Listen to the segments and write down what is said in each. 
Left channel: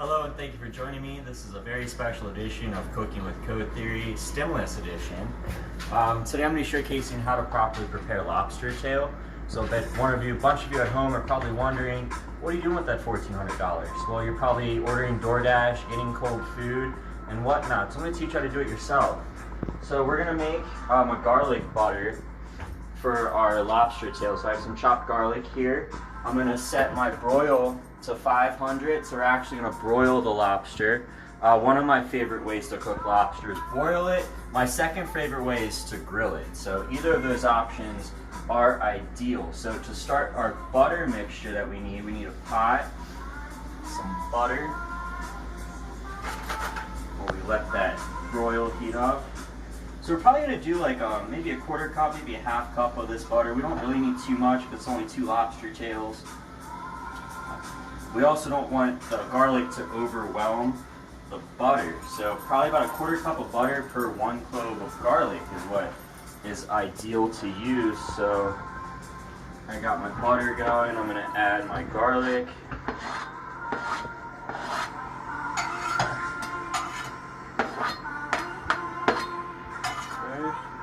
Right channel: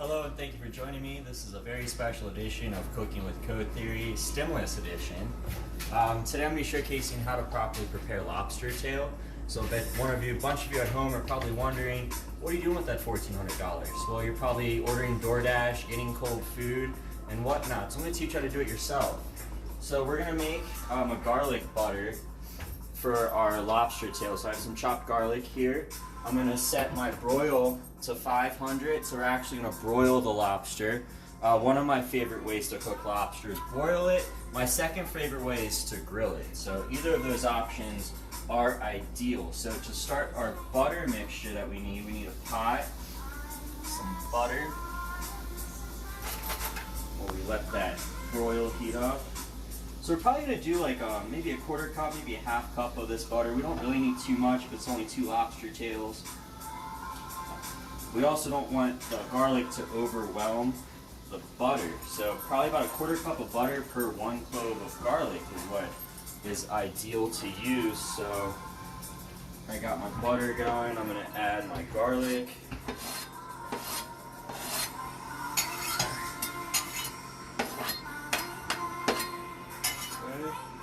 Hello and thank you for joining me. This is a very special edition of Cooking with Code Theory, Stimulus Edition. Today I'm going to be showcasing how to properly prepare lobster tail. So that a bunch of you at home are probably wondering, what are you doing with that $1,400? Well, you're probably ordering DoorDash, getting cold food, and whatnot. So I'm going to teach you how to do it yourself. So we're going to make a garlic butter for our lobster tail. So I have some chopped garlic here. I'm going to set my broil to 500, so we're actually going to broil the lobster. One of my favorite ways to cook lobster is boil it. My second favorite way is to grill it. So either of those options are ideal. So to start our butter mixture that we need a pot, some butter. While we let that broil heat up. So we're probably going to do like maybe a quarter cup, maybe a half cup of this butter. We don't really need too much because it's only 2 lobster tails. We also don't want the garlic to overwhelm the butter. So probably about a quarter cup of butter per 1 clove of garlic is what is ideal to use. So I got my butter going. I'm going to add my garlic.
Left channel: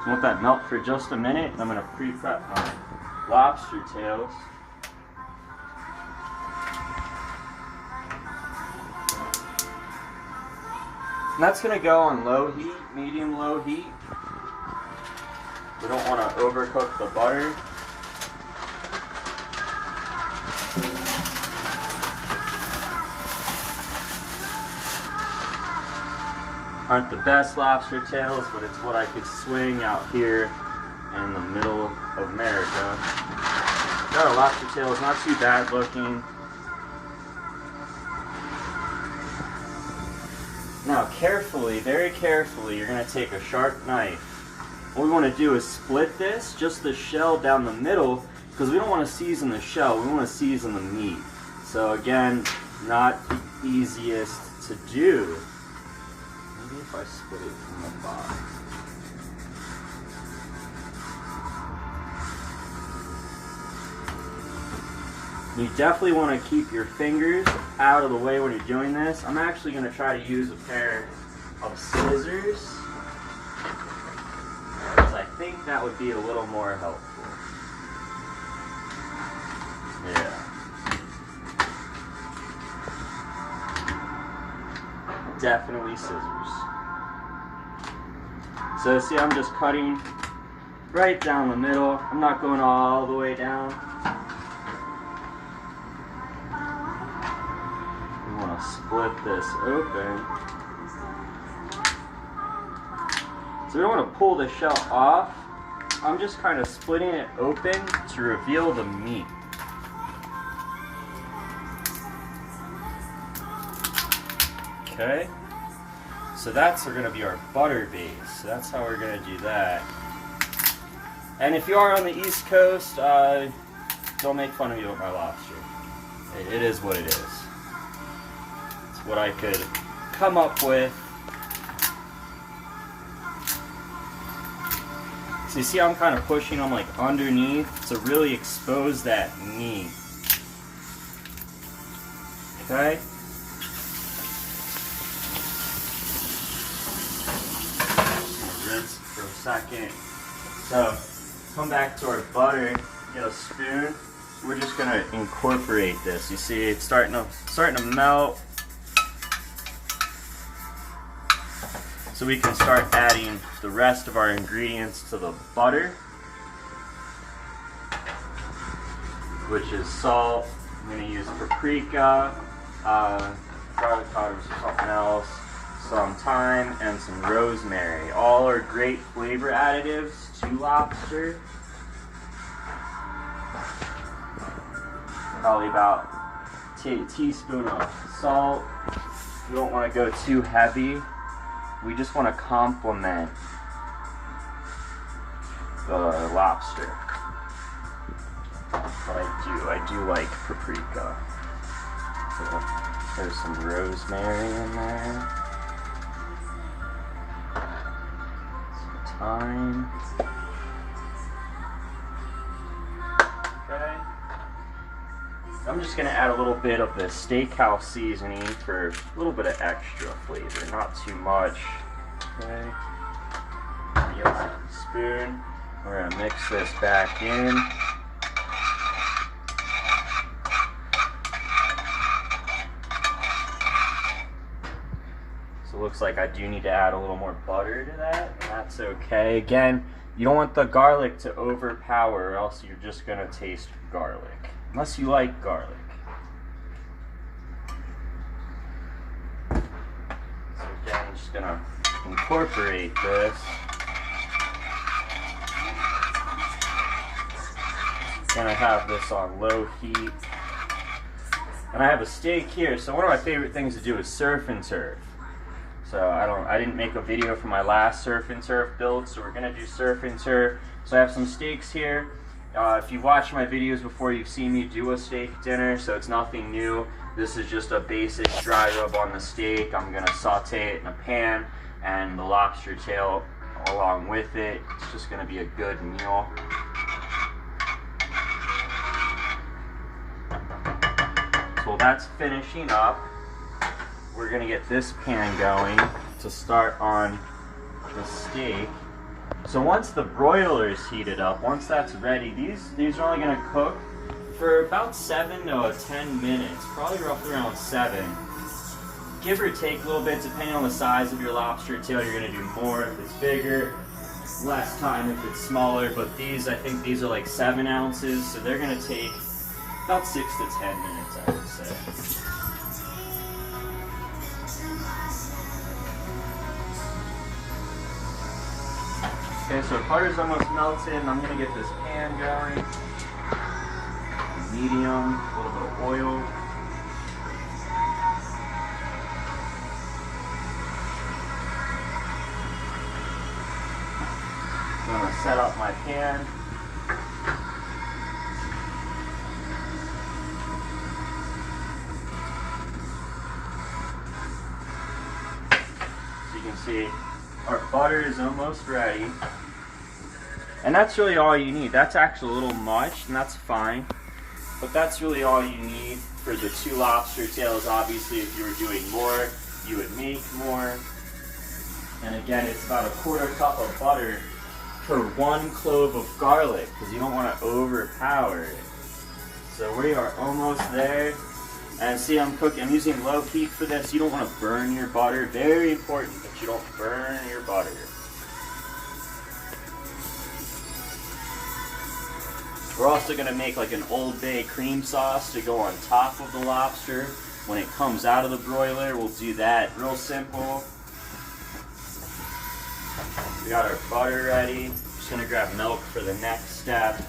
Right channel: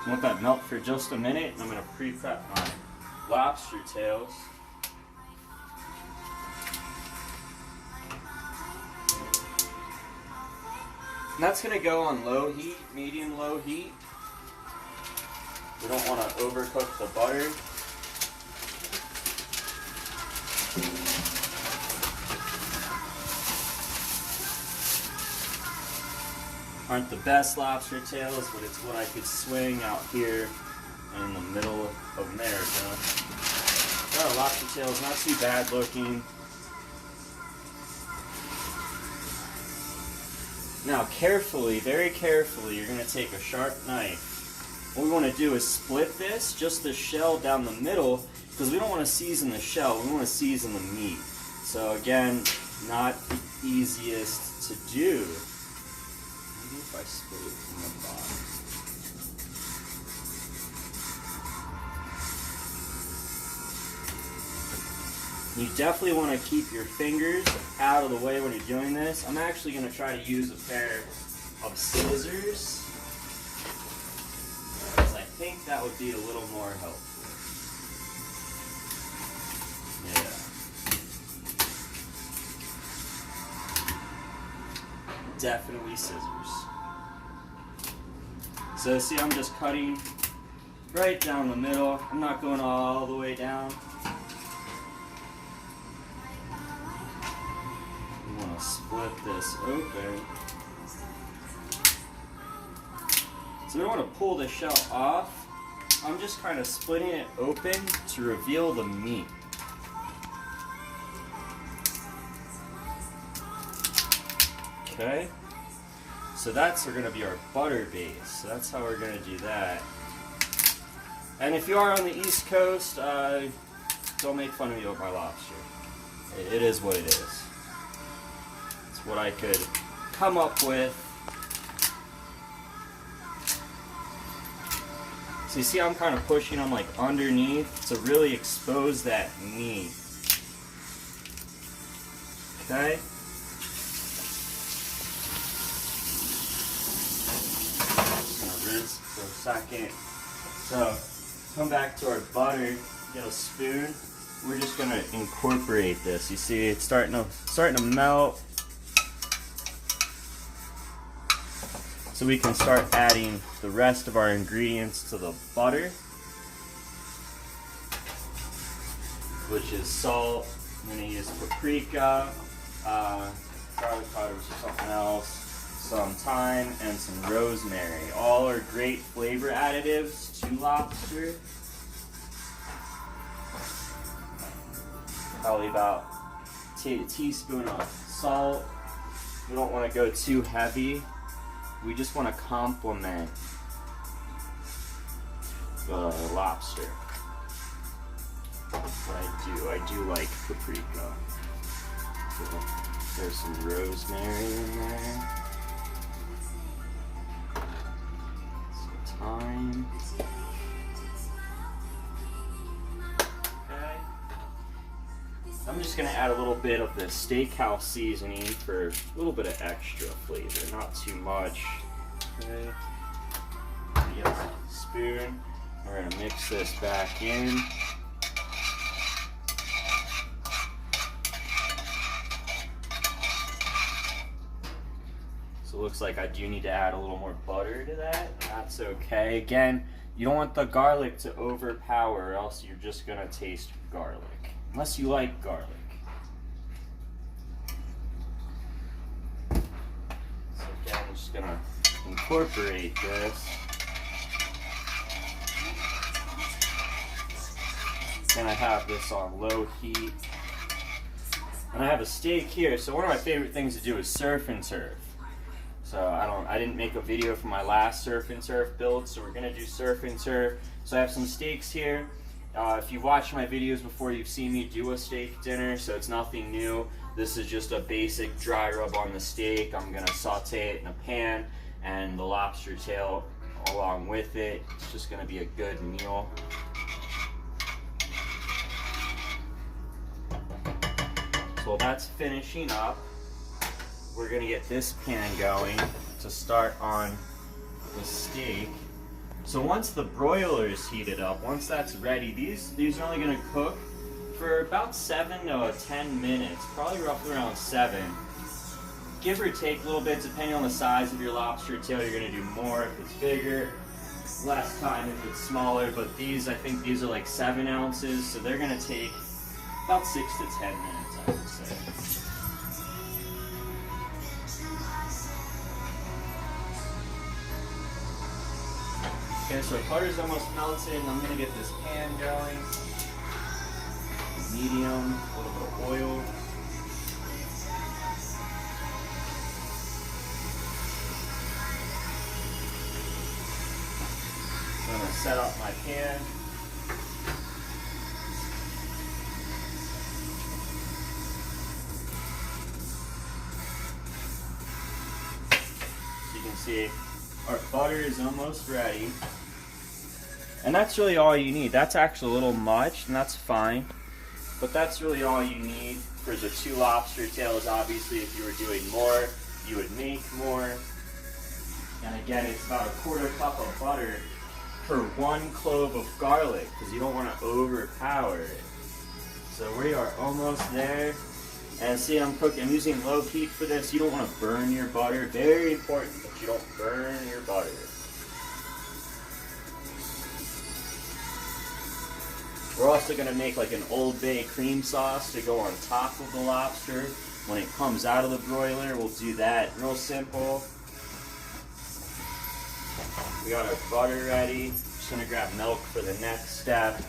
Let that melt for just a minute. I'm going to pre-prep my lobster tails. And that's going to go on low heat, medium low heat. We don't want to overcook the butter. Aren't the best lobster tails, but it's what I could swing out here in the middle of America. Got a lobster tail, it's not too bad looking. Now carefully, very carefully, you're going to take a sharp knife. What we want to do is split this, just the shell down the middle, because we don't want to season the shell, we want to season the meat. So again, not the easiest to do. Maybe if I split it from the bottom. You definitely want to keep your fingers out of the way when you're doing this. I'm actually going to try to use a pair of scissors, because I think that would be a little more helpful. Yeah. Definitely scissors. So see, I'm just cutting right down the middle. I'm not going all the way down. We want to split this open. So we don't want to pull the shell off. I'm just kind of splitting it open to reveal the meat. Okay, so that's going to be our butter base. So that's how we're going to do that. And if you are on the East Coast, don't make fun of me with my lobster. It is what it is. It's what I could come up with. So you see I'm kind of pushing them like underneath to really expose that meat. Okay. For a second. So come back to our butter, get a spoon. We're just gonna incorporate this. You see it's starting to melt. So we can start adding the rest of our ingredients to the butter, which is salt. I'm gonna use paprika, garlic powder or something else, some thyme, and some rosemary. All are great flavor additives to lobster. Probably about a teaspoon of salt. We don't want to go too heavy. We just want to complement the lobster. But I do like paprika. So there's some rosemary in there. Thyme. Okay. I'm just gonna add a little bit of the steakhouse seasoning for a little bit of extra flavor, not too much. Okay. Get a spoon. We're gonna mix this back in. So it looks like I do need to add a little more butter to that, and that's okay. Again, you don't want the garlic to overpower, or else you're just gonna taste garlic, unless you like garlic. So again, I'm just gonna incorporate this. Then I have this on low heat. And I have a steak here, so one of my favorite things to do is surf and turf. So I didn't make a video for my last surf and turf build, so we're gonna do surf and turf. So I have some steaks here. If you've watched my videos before, you've seen me do a steak dinner, so it's nothing new. This is just a basic dry rub on the steak. I'm gonna saute it in a pan, and the lobster tail along with it. It's just gonna be a good meal. So while that's finishing up, we're gonna get this pan going to start on the steak. So once the broiler is heated up, once that's ready, these are only gonna cook for about 7 to 10 minutes, probably roughly around 7. Give or take a little bit, depending on the size of your lobster tail. You're gonna do more if it's bigger, less time if it's smaller, but these, I think these are like 7 ounces, so they're gonna take about 6 to 10 minutes, I would say. Okay, so butter's almost melted, and I'm gonna get this pan going. Medium, a little bit of oil. So I'm gonna set up my pan. So you can see our butter is almost ready. And that's really all you need. That's actually a little much, and that's fine. But that's really all you need for the 2 lobster tails. Obviously, if you were doing more, you would make more. And again, it's about a 1/4 cup of butter per 1 clove of garlic, because you don't want to overpower it. So we are almost there. And see, I'm using low heat for this. You don't want to burn your butter. Very important that you don't burn your butter. We're also going to make like an Old Bay cream sauce to go on top of the lobster when it comes out of the broiler. We'll do that real simple. We got our butter ready. Just going to grab milk for the next step.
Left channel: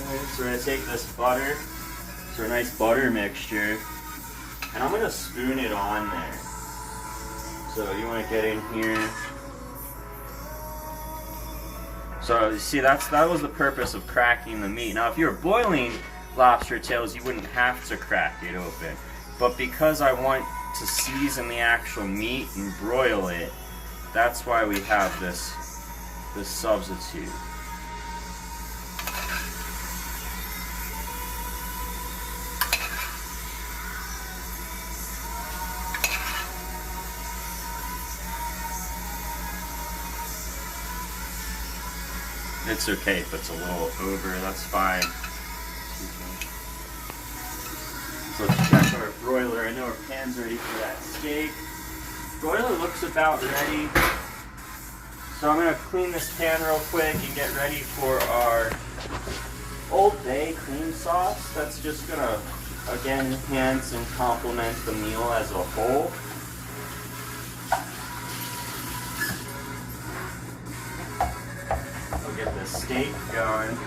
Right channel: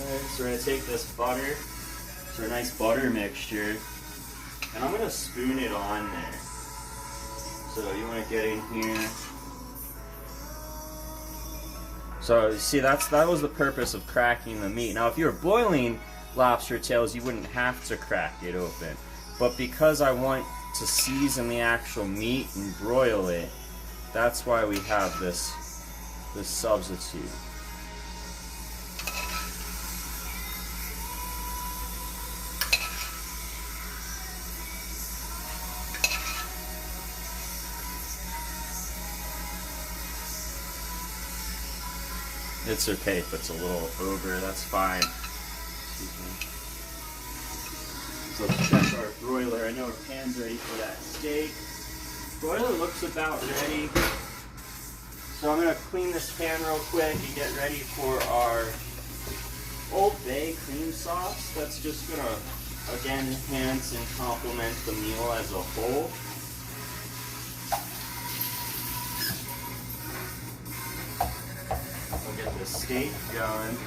Okay, so we're going to take this butter, so a nice butter mixture, and I'm going to spoon it on there. So you want to get in here. So you see, that was the purpose of cracking the meat. Now if you were boiling lobster tails, you wouldn't have to crack it open. But because I want to season the actual meat and broil it, that's why we have this substitute. It's okay if it's a little over, that's fine. So let's check our broiler. I know our pan's ready for that steak. Broiler looks about ready. So I'm going to clean this pan real quick and get ready for our Old Bay cream sauce. That's just going to, again, enhance and complement the meal as a whole. Get the steak going.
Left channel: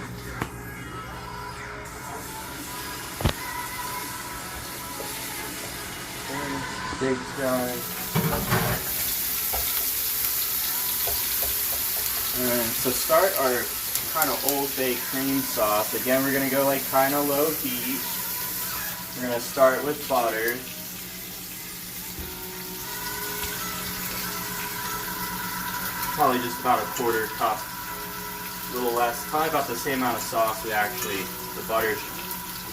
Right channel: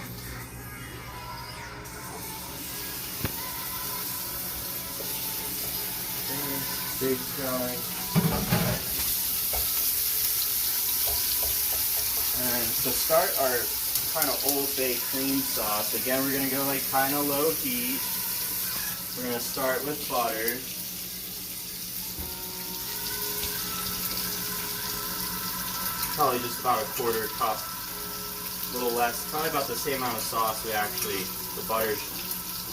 Steak going. And to start our kind of Old Bay cream sauce, again we're going to go like kind of low heat. We're going to start with butter. probably just about a quarter cup, a little less, probably about the same amount of sauce we actually, the butter,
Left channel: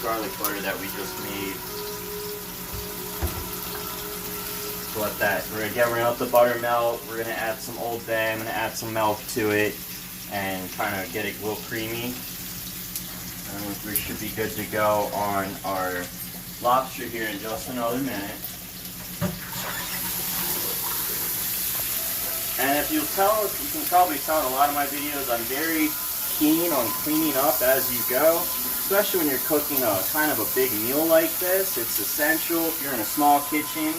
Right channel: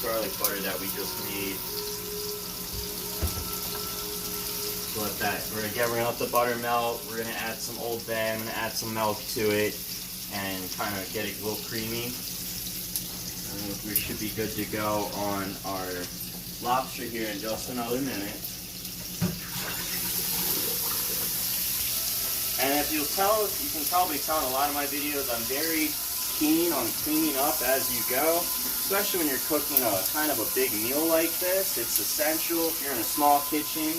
garlic butter that we just made. Let that, we're gonna let the butter melt. We're gonna add some Old Bay. I'm gonna add some milk to it and kind of get it a little creamy. And we should be good to go on our lobster here in just another minute. And if you'll tell, you can probably tell in a lot of my videos, I'm very keen on cleaning up as you go, especially when you're cooking a kind of a big meal like this. It's essential if you're in a small kitchen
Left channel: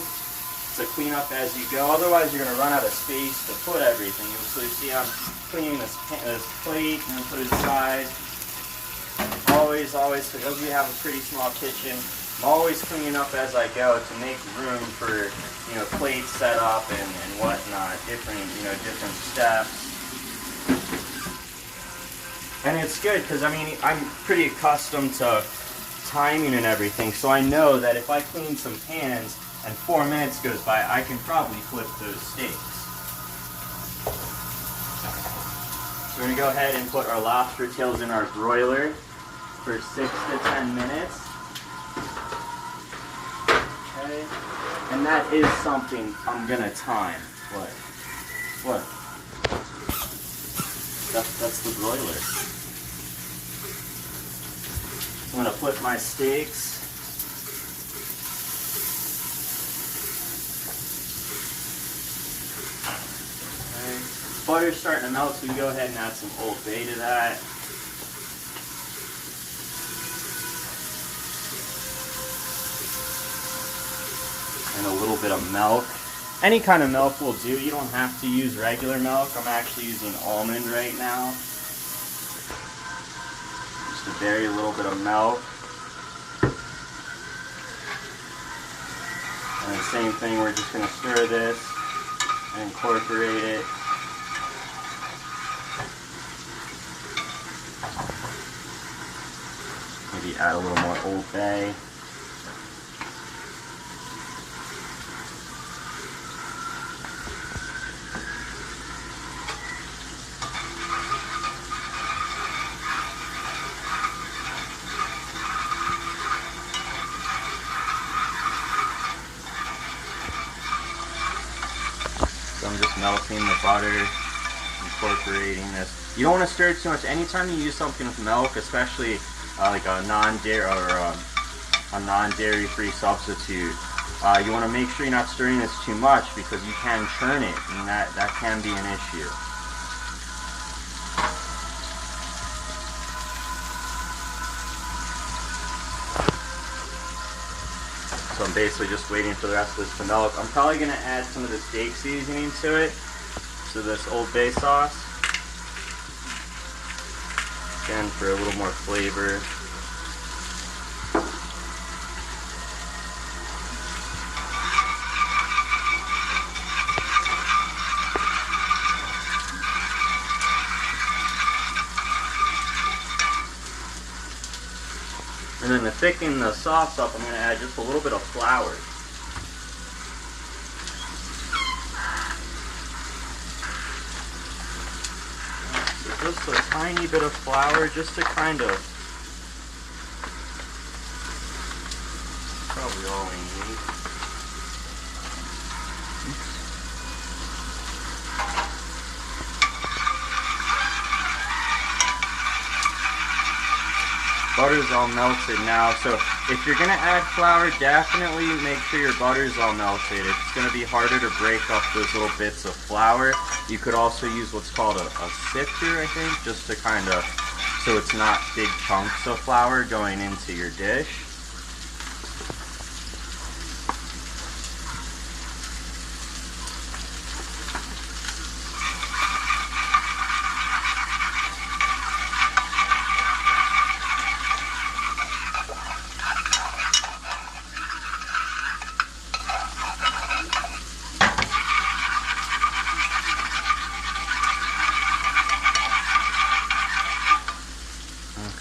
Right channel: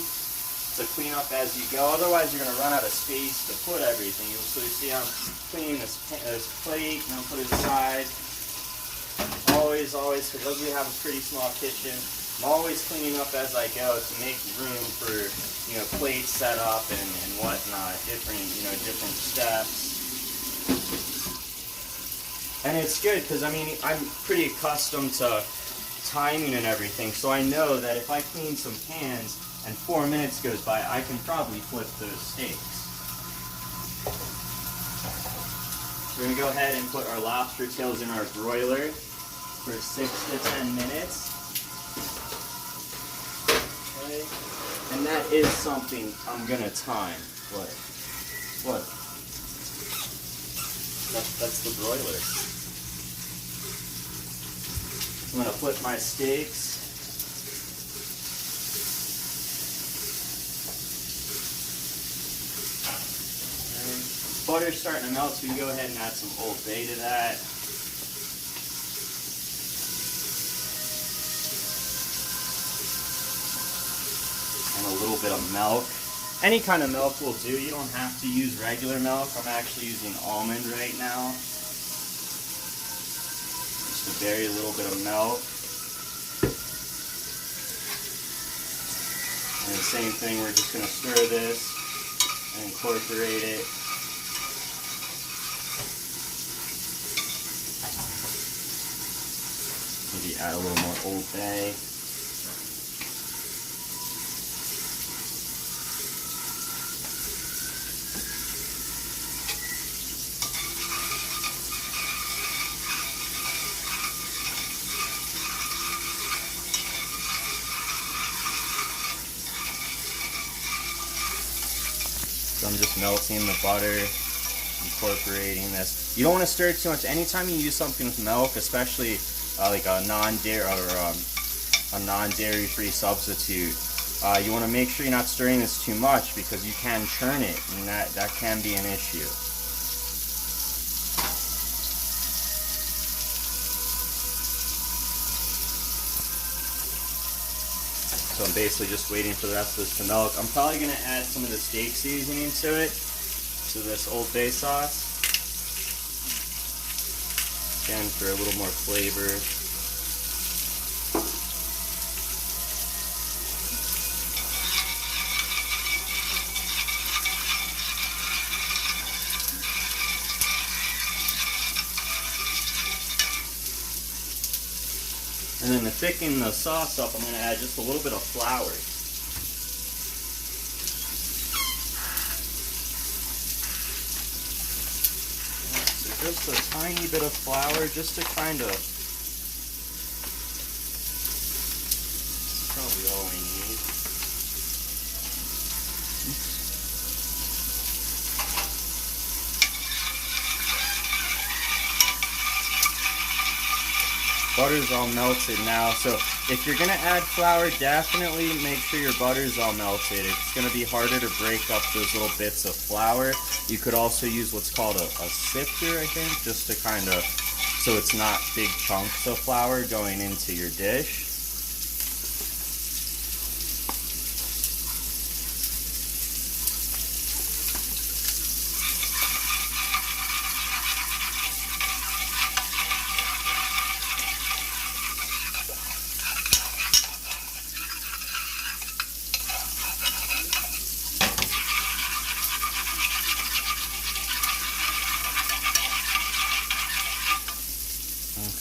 to clean up as you go. Otherwise, you're going to run out of space to put everything. So you see I'm cleaning this plate and then put it aside. Always, because we have a pretty small kitchen, I'm always cleaning up as I go to make room for, plates set up and whatnot, different steps. And it's good because, I'm pretty accustomed to timing and everything, so I know that if I clean some pans and 4 minutes goes by, I can probably flip those steaks. So we're going to go ahead and put our lobster tails in our broiler for 6 to 10 minutes. Okay. And that is something I'm going to time. What? That's the broiler. I'm going to flip my steaks. Okay. Butter's starting to melt, so we can go ahead and add some Old Bay to that. And a little bit of milk. Any kind of milk will do. You don't have to use regular milk. I'm actually using almond right now. Just a very little bit of milk. And the same thing, we're just going to stir this and incorporate it. Maybe add a little more Old Bay. So I'm just melting the butter, incorporating this. You don't want to stir it too much. Anytime you use something with milk, especially like a non-dairy or a non-dairy-free substitute, you want to make sure you're not stirring this too much because you can churn it, and that can be an issue. So I'm basically just waiting for the rest of this to melt. I'm probably going to add some of the steak seasoning to it, to this Old Bay sauce. Again, for a little more flavor. And then to thicken the sauce up, I'm going to add just a little bit of flour. So just a tiny bit of flour, just to kind of, probably all we need. Oops. Butter's all melted now, so if you're going to add flour, definitely make sure your butter's all melted. It's going to be harder to break up those little bits of flour. You could also use what's called a sifter, I think, just to kind of, so it's not big chunks of flour going into your dish.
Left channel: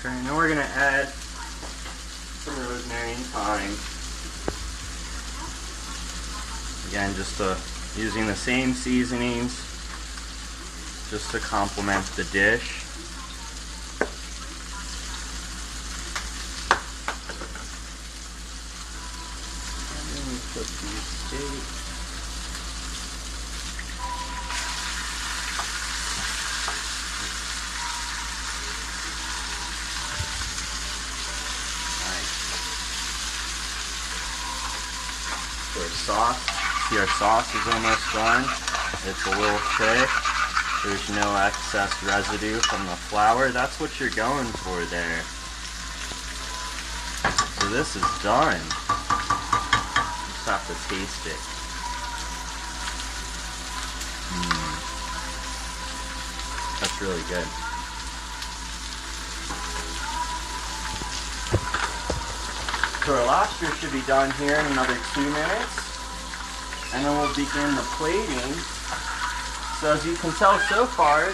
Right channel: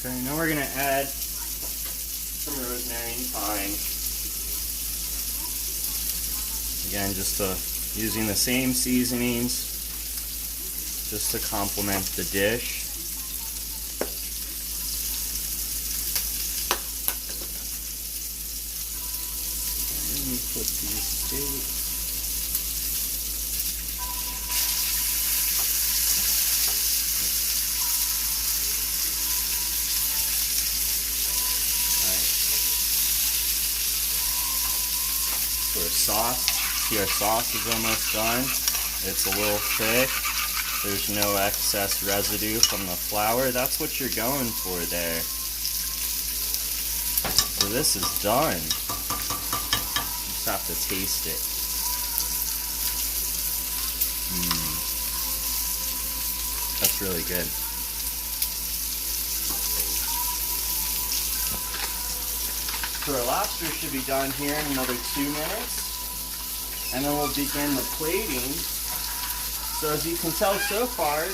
Okay, now we're going to add some rosemary and thyme. Again, just using the same seasonings. just to complement the dish. And then put these steaks. Our sauce. See, our sauce is almost done. It's a little thick. There's no excess residue from the flour. That's what you're going for there. So this is done. You just have to taste it. That's really good. So our lobster should be done here in another 2 minutes. And then we'll begin the plating. So as you can tell so far,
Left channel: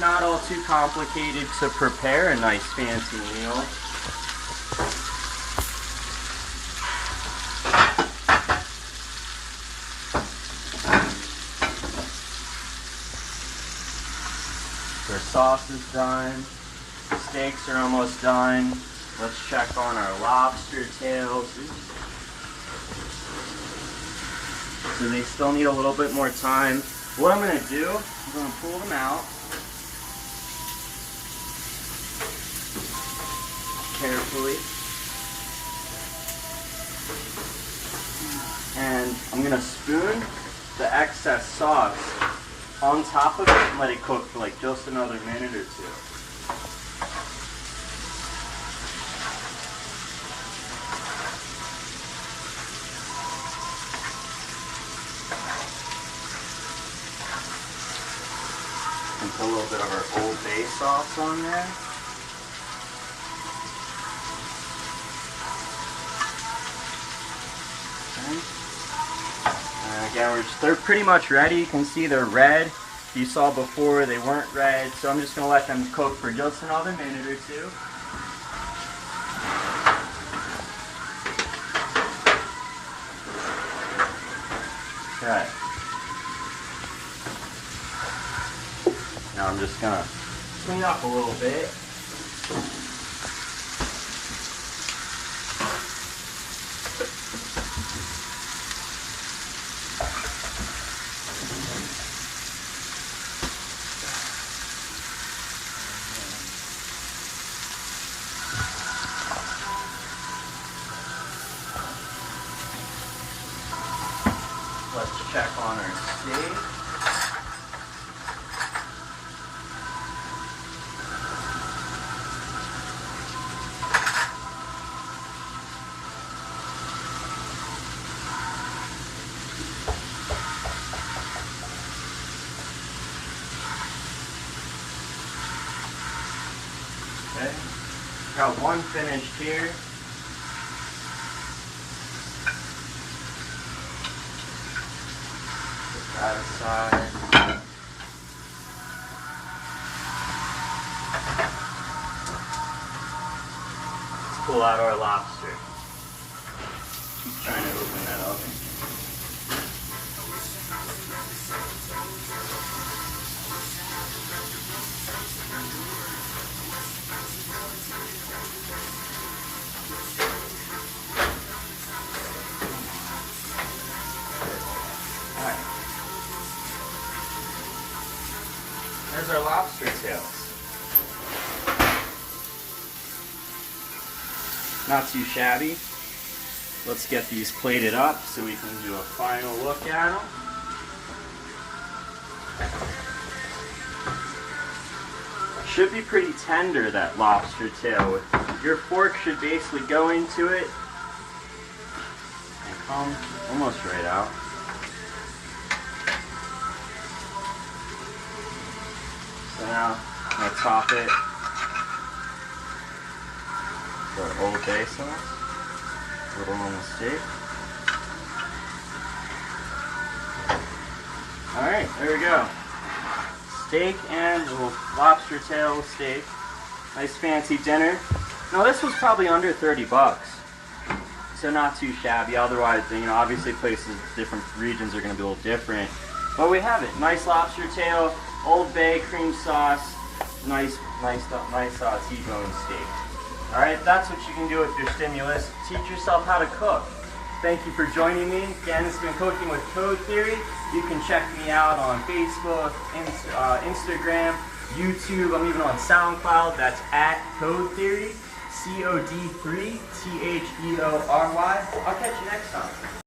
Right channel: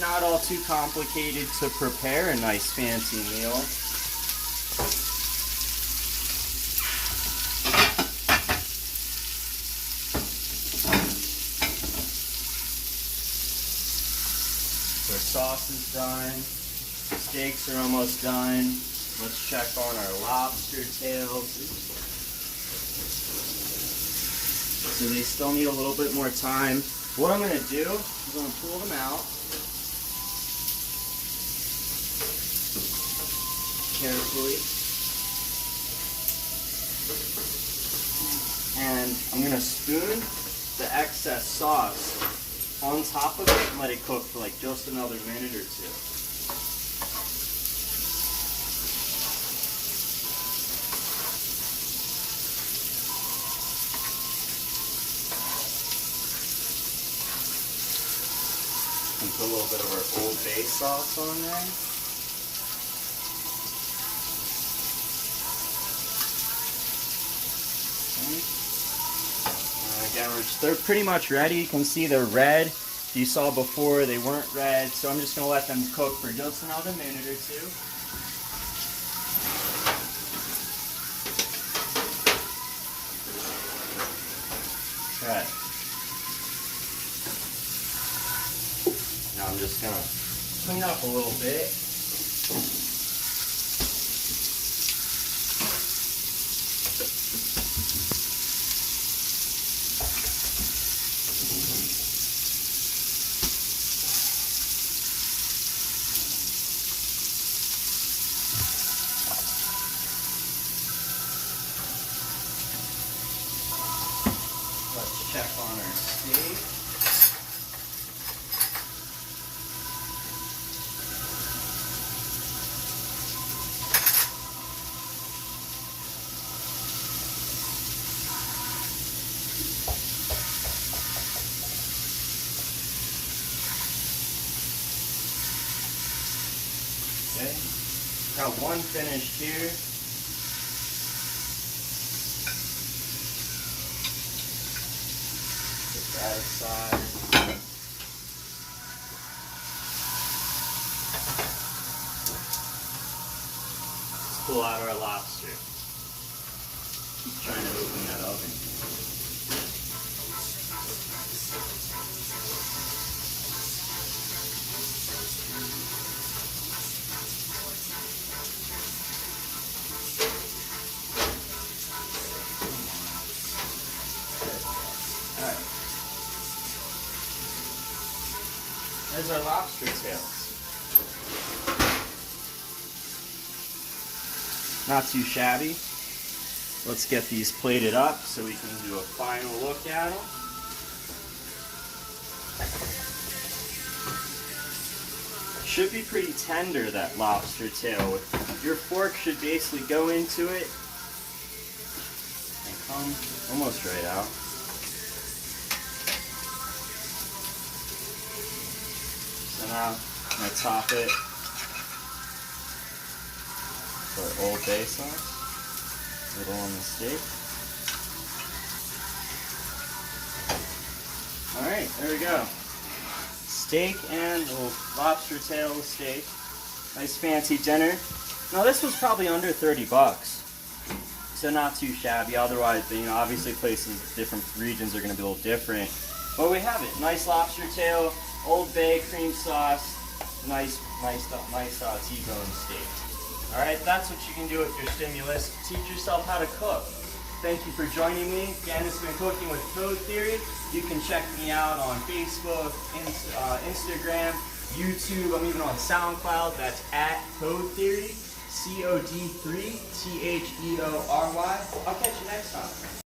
not all too complicated to prepare a nice fancy meal. So our sauce is done. Steaks are almost done. Let's check on our lobster tails. So they still need a little bit more time. What I'm going to do, I'm going to pull them out. Carefully. And I'm going to spoon the excess sauce on top of it and let it cook for like just another minute or two. And put a little bit of our Old Bay sauce on there. Okay. And again, they're pretty much ready. You can see they're red. You saw before they weren't red, so I'm just going to let them cook for just another minute or two. Okay. Now I'm just going to clean up a little bit. Let's check on our steak. Okay, got one finished here. Put that aside. Let's pull out our lobster. Keep trying to open that up. There's our lobster tails. Not too shabby. Let's get these plated up so we can do a final look at them. Should be pretty tender, that lobster tail. Your fork should basically go into it and come almost right out. So now I'm going to top it with our Old Bay sauce, a little on the steak. Alright, there we go. Steak and a little lobster tail steak. Nice fancy dinner. Now this was probably under 30 bucks. So not too shabby. Otherwise, you know, obviously places, different regions are going to be a little different. But we have it. Nice lobster tail. Old Bay cream sauce, nice T-bone steak. All right, that's what you can do with your stimulus. Teach yourself how to cook. Thank you for joining me. Again, this has been Cooking with Cod3Theory. You can check me out on Facebook, Instagram, YouTube. I'm even on SoundCloud. That's at Cod3Theory, Cod3Theory. I'll catch you next time.